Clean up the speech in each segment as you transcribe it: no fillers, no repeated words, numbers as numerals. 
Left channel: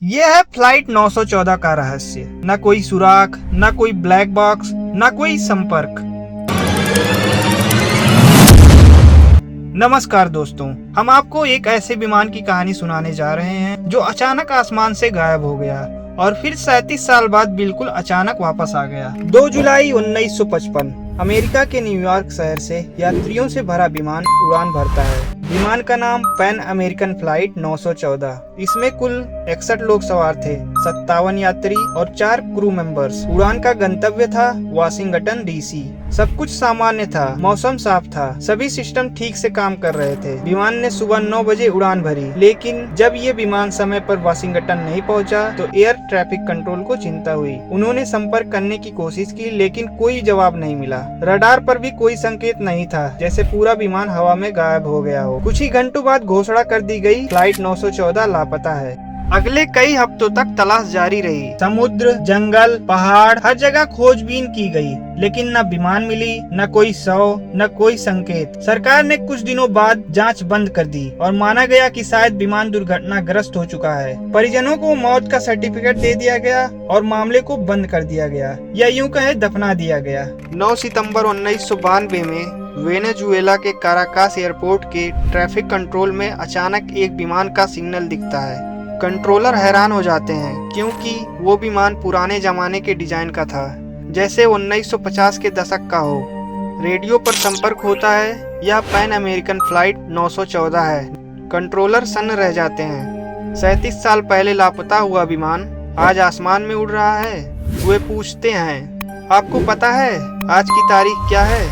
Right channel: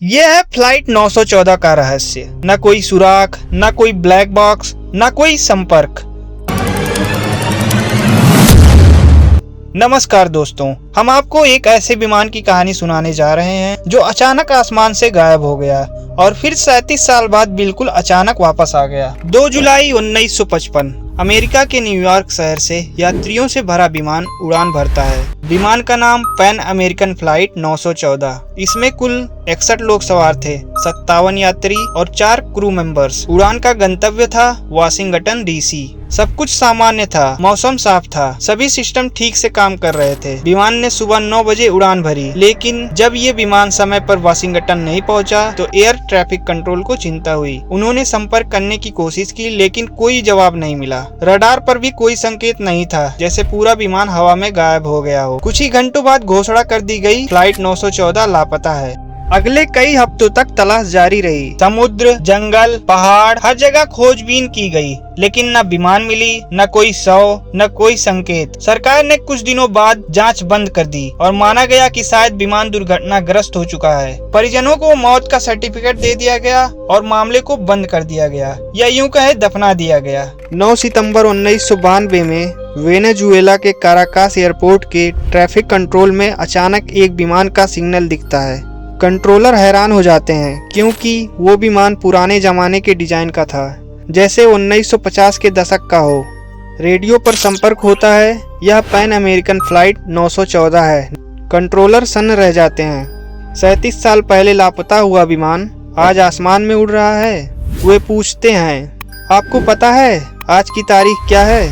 यह है फ्लाइट 914 का रहस्य। न कोई सुराग, न कोई ब्लैक बॉक्स, न कोई संपर्क। नमस्कार दोस्तों, हम आपको एक ऐसे विमान की कहानी सुनाने जा रहे हैं जो अचानक आसमान से गायब हो गया और फिर 37 साल बाद बिल्कुल अचानक वापस आ गया। 2 जुलाई 1955 अमेरिका के न्यूयॉर्क शहर से यात्रियों से भरा विमान उड़ान भरता है। विमान का नाम पैन अमेरिकन फ्लाइट 914। इसमें कुल 61 लोग सवार थे, 57 यात्री और 4 क्रू मेंबर्स। उड़ान का गंतव्य था वाशिंगटन डीसी। सब कुछ सामान्य था, मौसम साफ था, सभी सिस्टम ठीक से काम कर रहे थे। विमान ने सुबह 9 बजे उड़ान भरी, लेकिन जब ये विमान समय पर वाशिंगटन नहीं पहुंचा तो एयर ट्रैफिक कंट्रोल को चिंता हुई। उन्होंने संपर्क करने की कोशिश की, लेकिन कोई जवाब नहीं मिला। रडार पर भी कोई संकेत नहीं था, जैसे पूरा विमान हवा में गायब हो गया हो। कुछ ही घंटों बाद घोषणा कर दी गई, फ्लाइट 914 लापता है। अगले कई हफ्तों तक तलाश जारी रही। समुद्र, जंगल, पहाड़, हर जगह खोजबीन की गई, लेकिन न विमान मिली, न कोई शव, न कोई संकेत। सरकार ने कुछ दिनों बाद जांच बंद कर दी और माना गया कि शायद विमान दुर्घटनाग्रस्त हो चुका है। परिजनों को मौत का सर्टिफिकेट दे दिया गया और मामले को बंद कर दिया गया, या यूं कहे दफना दिया गया। 9 सितंबर 1992 में वेनेजुएला के काराकास एयरपोर्ट के ट्रैफिक कंट्रोल में अचानक एक विमान का सिग्नल दिखता है। कंट्रोलर हैरान हो जाते हैं, क्योंकि वो विमान पुराने जमाने के डिजाइन का था, जैसे 1950 के दशक का हो। रेडियो पर संपर्क होता है, यह पैन अमेरिकन फ्लाइट 914 है। कंट्रोलर सन्न रह जाते हैं। 37 साल पहले लापता हुआ विमान आज आसमान में उड़ रहा है। वे पूछते हैं, आपको पता है आज की तारीख क्या है?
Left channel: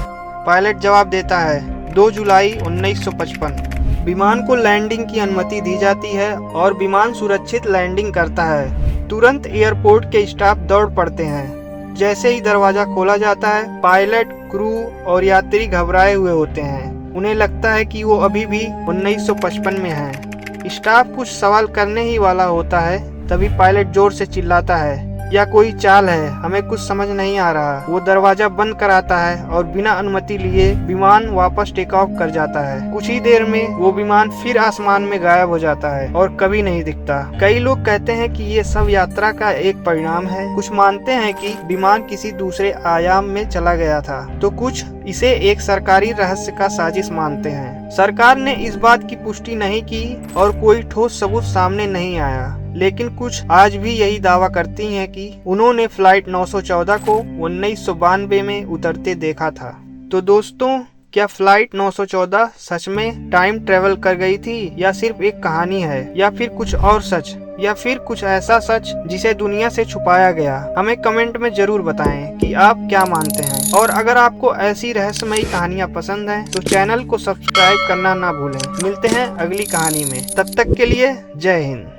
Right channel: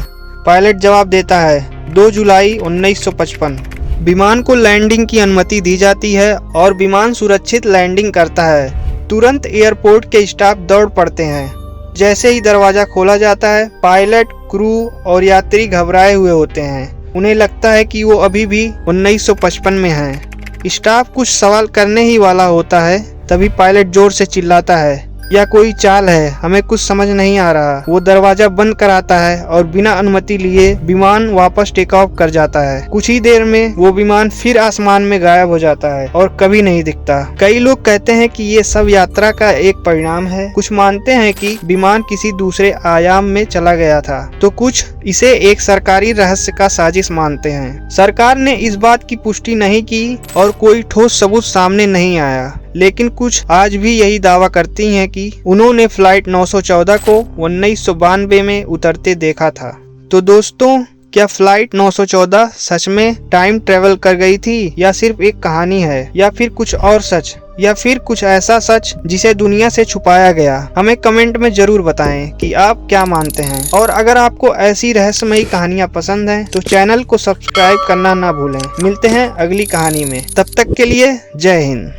पायलट जवाब देता है, 2 जुलाई 1955। विमान को लैंडिंग की अनुमति दी जाती है और विमान सुरक्षित लैंडिंग करता है। तुरंत एयरपोर्ट के स्टाफ दौड़ पड़ते हैं। जैसे ही दरवाजा खोला जाता है, पायलट, क्रू और यात्री घबराए हुए होते हैं। उन्हें लगता है कि वो अभी भी 1955 में हैं। स्टाफ कुछ सवाल करने ही वाला होता है, तभी पायलट जोर से चिल्लाता है, या कोई चाल है, हमें कुछ समझ नहीं आ रहा। वो दरवाजा बंद कराता है और बिना अनुमति लिए विमान वापस टेक ऑफ कर जाता है। कुछ ही देर में वो विमान फिर आसमान में गायब हो जाता है और कभी नहीं दिखता। कई लोग कहते हैं कि ये सब यात्रा का एक परिणाम है। कुछ मानते हैं कि विमान किसी दूसरे आयाम में चला गया था, तो कुछ इसे एक सरकारी रहस्य का साजिश मानते हैं। सरकार ने इस बात की पुष्टि नहीं की और कोई ठोस सबूत सामने नहीं आया, लेकिन कुछ आज भी यही दावा करती हैं कि उन्होंने फ्लाइट 914 को 1992 में उतरते देखा था। तो दोस्तों, क्या फ्लाइट 914 सच में टाइम ट्रेवल कर गई थी, या सिर्फ एक कहानी है, या फिर कुछ और सच, या फिर कुछ ऐसा सच जिसे दुनिया से छुपाया गया? हमें कमेंट में जरूर बताएं कि आप क्या मानते हैं। और अगर आपको ऐसी रहस्यमयी कहानियां पसंद हैं तो चैनल को सब्सक्राइब करना ना भूलें। मिलते हैं अगली कहानी में, तब तक के लिए जय हिंद।